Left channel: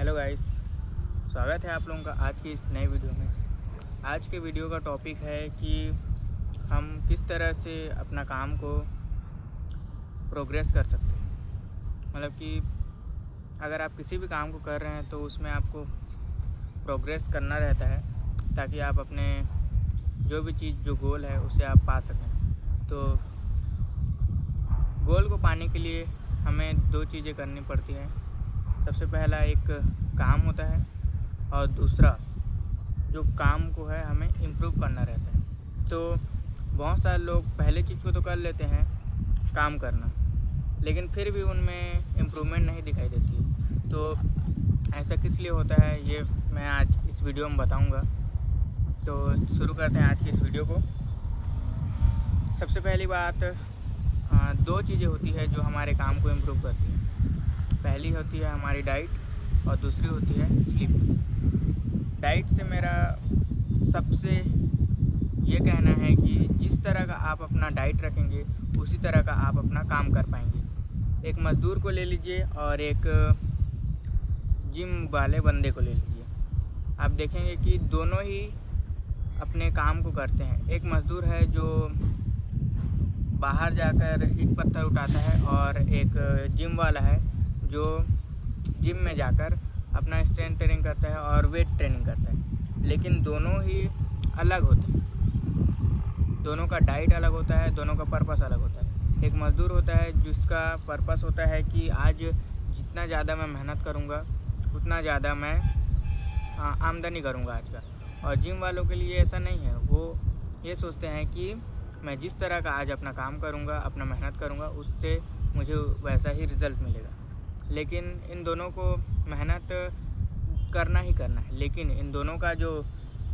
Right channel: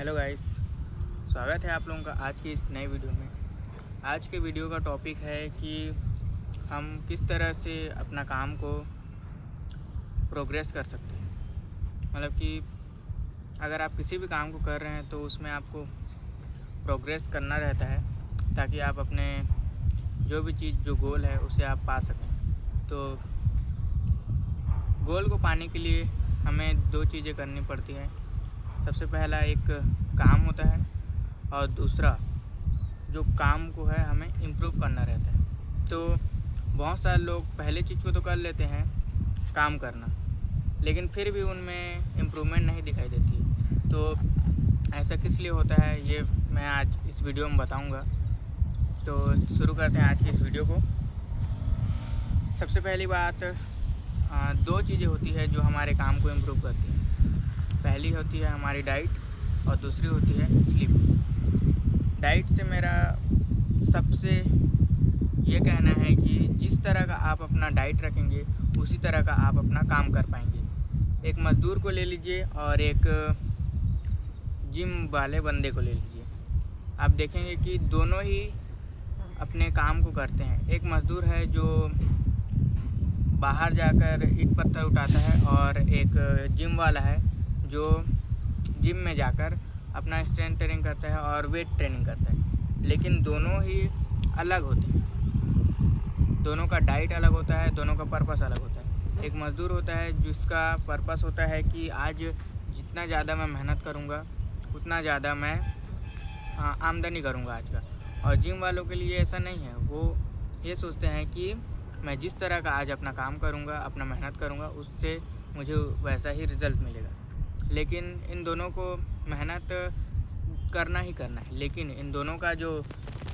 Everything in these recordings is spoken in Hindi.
हेलो गाइस, स्वागत है आप लोगों का आज की इस नई वीडियो में। आज के वीडियो का टॉपिक है कि हम किस तरह से अपना काम को प्रोग्रेस कर सकते हैं। मतलब कि अगर आप किसी भी काम को कर रहे हैं तो उसमें आपको प्रोग्रेस करना रहता है ताकि आप अपने जो भी चीज़ जो गोल है उसे आप पा सकें। तो गोल को पाने के लिए हमें दो चीज़ें करनी पड़ती हैं। सबसे पहला एक काम होता है और दूसरा जो काम को है हमें इम्प्रूव करना रहता है। तो बहुत सारे लोग पहले चीज़ को तो कर लेते हैं, काम करना, लेकिन फिर भी उनमें इम्प्रूवमेंट नहीं दिखाई देती है। तो ऐसा किस लिए होता है ये मैं आज इस वीडियो में बताऊंगा। तो शुरू करते हैं आज की इस वीडियो को। सबसे पहली बात, दो चीज़ें होती है जो हमारे काम को इम्प्रूव करती हैं। पहली होती है हमारी डाइट और दूसरी होती है स्लीप। डाइट से मेरा सबसे ये कहना है कि जिस तरह का आप अपना डाइट रखेंगे उसी तरह का आप अपना काम कर पाएंगे। एक मज़दूर को ले लीजिए और एक जिम वाले बंदे को ले लीजिए, आप देखेंगे कि दोनों ही अपने काम को करते हैं। एक मज़दूर है जो बाहर जाकर ईंट पत्थर उठाता है और एक जिम वाला है जो जिम में जाकर अपना स्ट्रेंथ ट्रेनिंग करता है और वेट ट्रेनिंग करता है। लेकिन दोनों ही अलग होते हैं, दोनों का डाइट अलग होता है, दोनों का पर्पस अलग होता है। एक मज़दूर होता है जिसका पर्पस होता है कि आज जितना ज़्यादा मैं मेहनत करूँगा उतना ज़्यादा मैं आमदनी करूँगा आज का। और जिम वालों के लिए ऐसा नहीं है, वो ये सोचते हैं कि मैं जिस तरह का आज अपना काम करूँगा, अपना मेहनत करूँगा, उससे मुझे वैसा ही रिज़ल्ट मिलेगा। लेकिन इन दोनों को मेहनत करना ही करना है, लेकिन इन दोनों का जो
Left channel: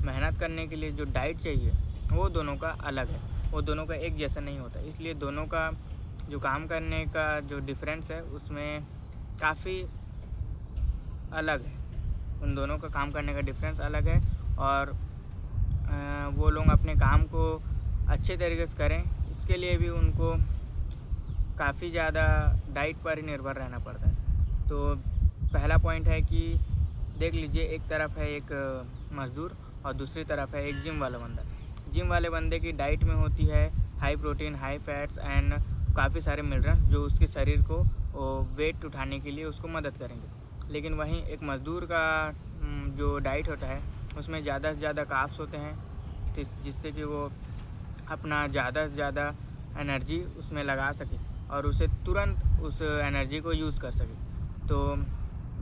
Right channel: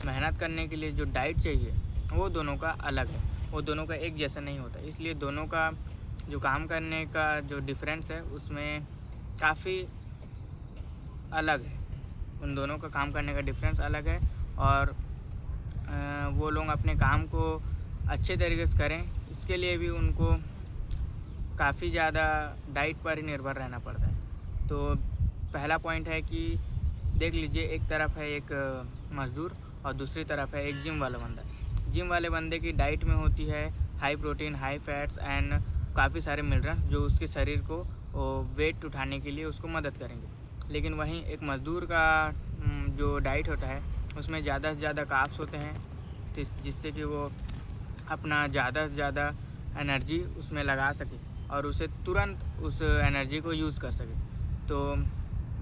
मेहनत करने के लिए जो डाइट चाहिए वो दोनों का अलग है, वो दोनों का एक जैसा नहीं होता। इसलिए दोनों का जो काम करने का जो डिफरेंस है उसमें काफ़ी अलग है। उन दोनों का काम करने का डिफरेंस अलग है और वो लोग अपने काम को अच्छे तरीके से करें इसके लिए भी उनको काफ़ी ज़्यादा डाइट पर ही निर्भर रहना पड़ता है। तो पहला पॉइंट है कि देख लीजिए, एक तरफ है एक मज़दूर और दूसरी तरफ है एक जिम वाला बंदा। जिम वाले बंदे की डाइट में होती है high protein, high fats and काफ़ी सारे मिनरल्स जो उसके शरीर को वेट उठाने के लिए उसको मदद करेंगे। लेकिन वहीं एक मज़दूर का जो डाइट होता है उसमें ज़्यादा से ज़्यादा कार्ब्स होते हैं जिससे कि वो अपना ज़्यादा से ज़्यादा एनर्जी उसमें लगा सके और उसे तुरंत उस एनर्जी को यूज़ कर सके। तो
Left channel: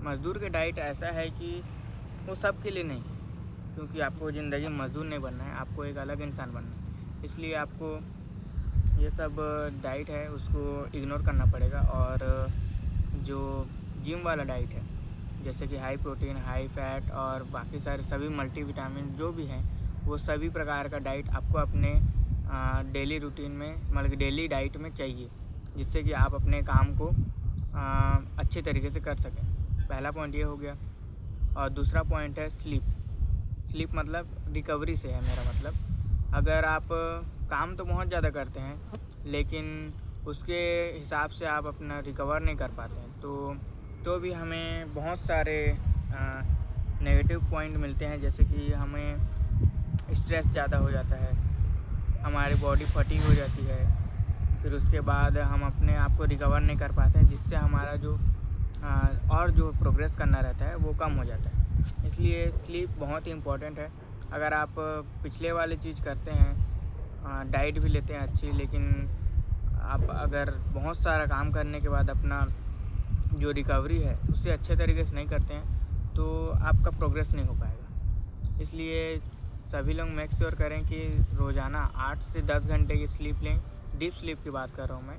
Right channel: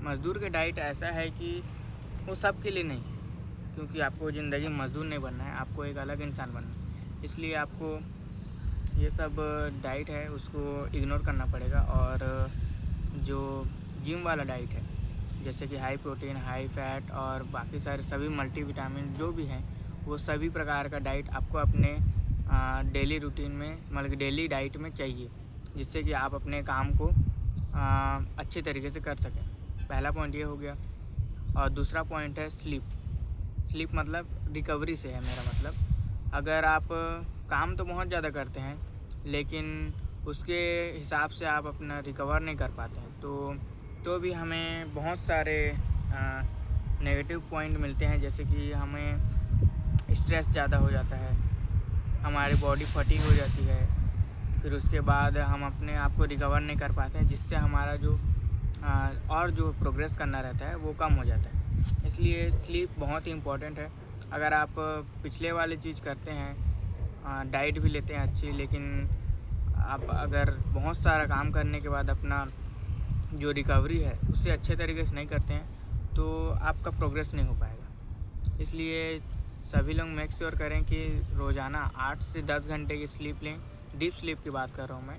मज़दूर के डाइट ऐसा है कि वो सब के लिए नहीं है, क्योंकि आपको ज़िंदगी में मज़दूर नहीं बनना है, आपको एक अलग इंसान बनना है। इसलिए आपको ये सब डाइट है उसको इग्नोर करना पड़ेगा। और जो जिम वाला डाइट है जैसे कि हाई प्रोटीन, हाई फैट और बाकी सारे सभी मल्टीविटामिन जो भी हैं, वो सभी प्रकार का डाइट आपको अपने डेली रूटीन में, मतलब डेली डाइट में चाहिए, जिससे कि आप अपने काम को अच्छे तरीके से कर सकें। पहला पॉइंट ये हो गया। और दूसरा पॉइंट है स्लीप। स्लीप मतलब रिकवरी से है मेरा मतलब। अगर आप काम तो बहुत ज़्यादा करते हैं लेकिन उसके हिसाब से आप अपना रिकवर नहीं कर पाते हैं तो भी हमें बहुत सारे नेगेटिव पॉइंट मिलते हैं। जैसे कि हमें स्ट्रेस ज़्यादा हो जाता है, हमारी बॉडी फटीग हो जाती है, फिर उसके बाद हम अपने आप को रिकवर नहीं कर पाते हैं, जिससे हमारा जो और जो प्रोग्रेस करना रहता है वो कम हो जाता है। इसलिए स्लीप बहुत ही इम्पोर्टेंट है। अगर आप पिछले वाली चीज़ करते हैं, डाइट भी लेते हैं अच्छी, लेकिन आप अगर बहुत सारा काम करने के बाद अपना जो रिकवरी है उससे अच्छे तरीके से नहीं करते हैं तो आपका प्रोग्रेस नहीं हो पाएगा। इसलिए सभी लोग मेक श्योर करें कि रोज़ाना 8 से 10 घंटे की स्लीप लें। डीप स्लीप की बात कर रहा हूँ मैं,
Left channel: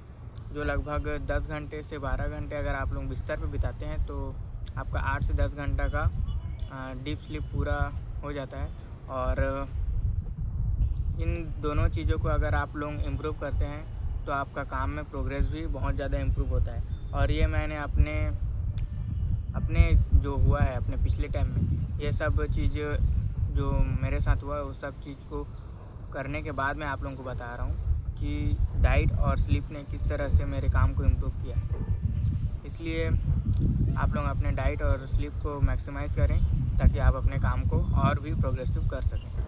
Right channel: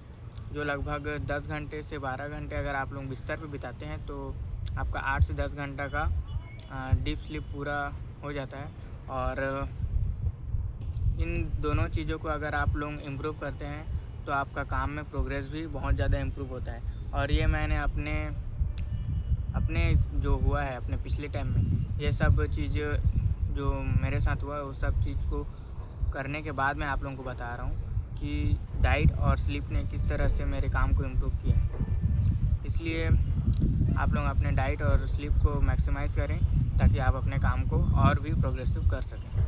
जो लगभग 10 घंटे से 12 घंटे अगर आप लोग बिस्तर पर बिताते हैं तो आपका 8 से 10 घंटा का डीप स्लीप पूरा हो जाता है। और इन दोनों चीज़ों को अगर आप लोग इम्प्रूव करते हैं तो आपका काम में प्रोग्रेस भी बहुत ज़्यादा इम्प्रूव होता है। और ये मैंने अपने जो हुआ है अपने पिछले टाइम में, ये सब चीज़ जो मेरे साथ हुआ वो सब चीज़ को करने के बाद मैं आप लोगों को बता रहा हूँ कि डाइट और स्लीप ने किस तरह से मेरे काम को इम्प्रूव किया है। इसलिए आप लोग अपने डाइट और स्लीप को मैक्सिमाइज़ करें ताकि आप अपने काम को और भी प्रोग्रेसिव कर सकें।